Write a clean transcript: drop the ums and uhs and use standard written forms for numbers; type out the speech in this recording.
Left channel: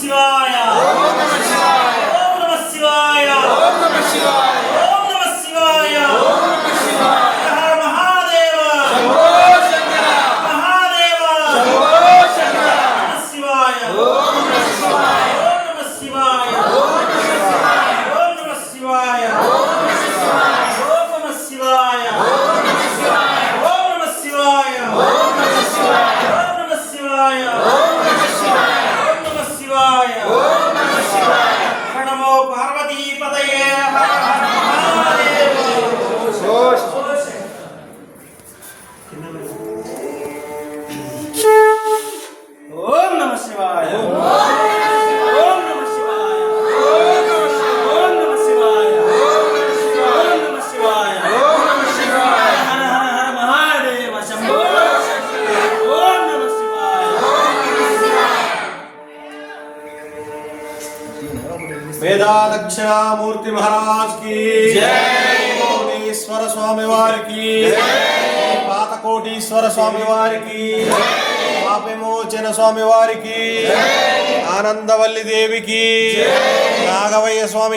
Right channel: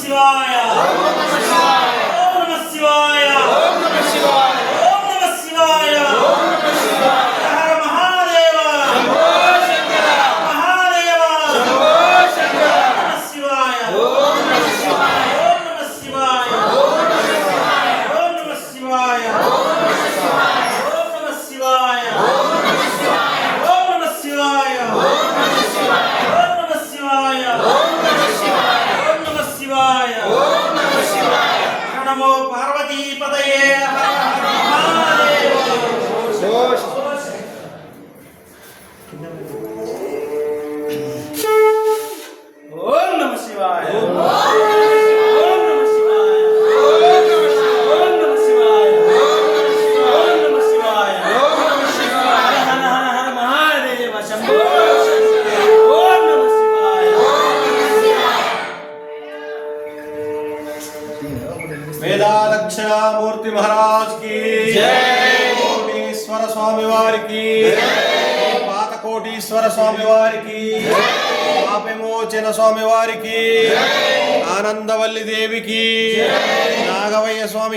శివాయ ఓం నమః శివాయ ఓం నమః శివాయ ఓం నమః శివాయ ఓం నమః శివాయ హర మహాదేవ శంభో శంకర మహాదేవ శంభో శంకర నమః శివాయ ఓం నమః శివాయ ఓం నమః శివాయ ఓం నమః శివాయ ఓం నమః శివాయ ఓం నమః శివాయ ఓం నమః శివాయ ఓం నమః శివాయ ఓం నమః శివాయ ఓం నమః శివాయ ఓం నమః శివాయ ఓం నమః శివాయ ఓం నమః శివాయ నమో పార్వతీ పతయే హర హర మహాదేవ ఓం నమః శివాయ ఓం నమః శివాయ ఓం నమః శివాయ ఓం నమః శివాయ ఓం నమః శివాయ హర హర హర మహాదేవ శంభో ఓం నమః శివాయ వేదాదక్షిణామూర్తి మహారాజ్ కి జై, కోటీశ్వర స్వామి వారికి జై, పాతకోటీశ్వర స్వామి వారికి జై, పాపవిమోచన స్వామి వారికి జై, ఆనందవల్లి దేవికి జై, నాగవయ్య స్వామికి